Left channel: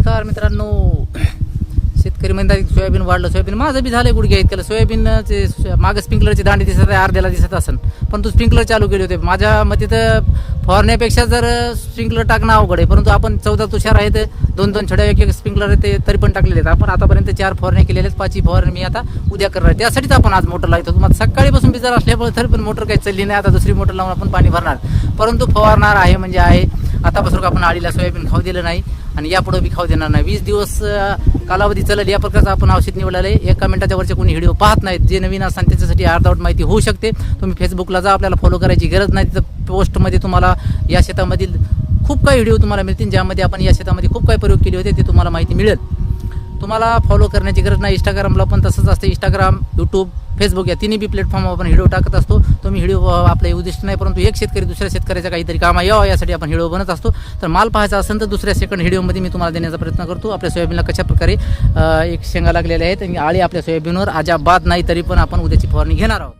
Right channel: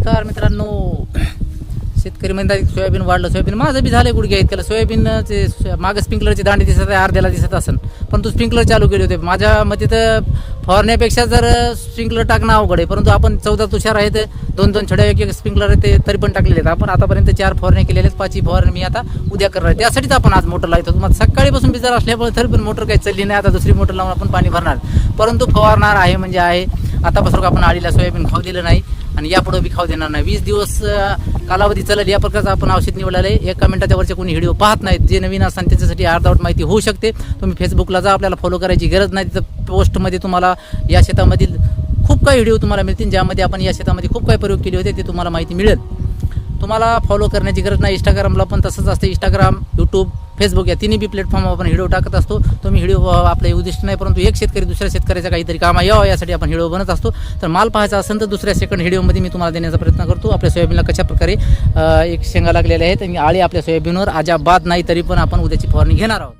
नमस्कार मित्रांनो. शेतकरी म्हणतात सोयाबीन वाढलं, सोयाबीन माझं बी झालं गुडघ्या इतकं. सोयाबीनचे मागं स्प्रिंकलरची दांडी दिसत आहे, अर्ध्याला दिसत असेल, परंतु स्प्रिंकलर चालू केले होते. माझ्या मते तर फवारण्यापेक्षा जर स्प्रिंकलर टाकणं अवघड आहे, परंतु आपण 14 तुषार आहेत, 2-2 छड्या एक स्प्रिंकलर ते तरी पण टाकलेले आहेत. आपण आतापर्यंत 4 फवारण्या केलेल्या आहेत, 5ही फवारणी मी आता उद्या करणार आहे. त्यासाठीच आपण आज मोटर लावतो. तुम्हाला सकाळीपासून बिजार असल्यामुळे तरी पण मोटर काही चालली नाही. आता दुसरी मोटर लावून आपण पाणी भरणार, परंतु फवारणार आहे म्हणजे आहे. आतापासून आपण आळीला सोयाबीन खाऊ दिलं नाही आणि यापुढे बी खाऊ देणार नाही. 20 दिवस कालावधी चालेल या प्रकारचं आपण औषध निवडलेलं आहे. एका मिनिटाच्या वरचे कोणी व्हिडिओ पाहत नाहीत. जे नवीन असतात त्याच्यासाठी अर्धवट माहिती होऊ शकते. तुम्ही फेसबुकला जा, आपल्याला फॉलो करायची गरज नाही. तिथं पोस्टमध्ये तुम्हाला या शेतामधील खूप काही व्हिडिओ तुम्हाला मिळतील, ज्यामध्ये आपण या शेतामध्ये खूप काही प्रयोग केले होते, ते तुम्हाला माहिती मिळेल. तुम्हाला फॉलो करण्याची गरज नाही. इंस्टाग्रामला पण तसंच असतं. इंस्टाग्राम, यूट्यूब, फेसबुक या तिन्ही बी प्लॅटफॉर्मवर आपण व्हिडिओ टाकत असतो. तुम्ही व्हिडिओ आपले उद्दिष्ट नाही, परंतु एक शेतकरी दुसऱ्या शेतकऱ्याचा काहीतरी कामा यावं यासाठी आपण व्हिडिओ बनत असतो. तर माल पाहायचा असेल तर दुसऱ्या सेकंड व्हिडिओमध्ये मी तुम्हाला देण्याचा प्रयत्न करतो. आपल्या सोयाबीनला कशा प्रकारे एक शेंगा लागलेल्या आहेत आणि आळी आपल्या सोयाबीनवर अजाबात नाही, तरी पण आपण उद्याची फवारणी घेणार आहोत.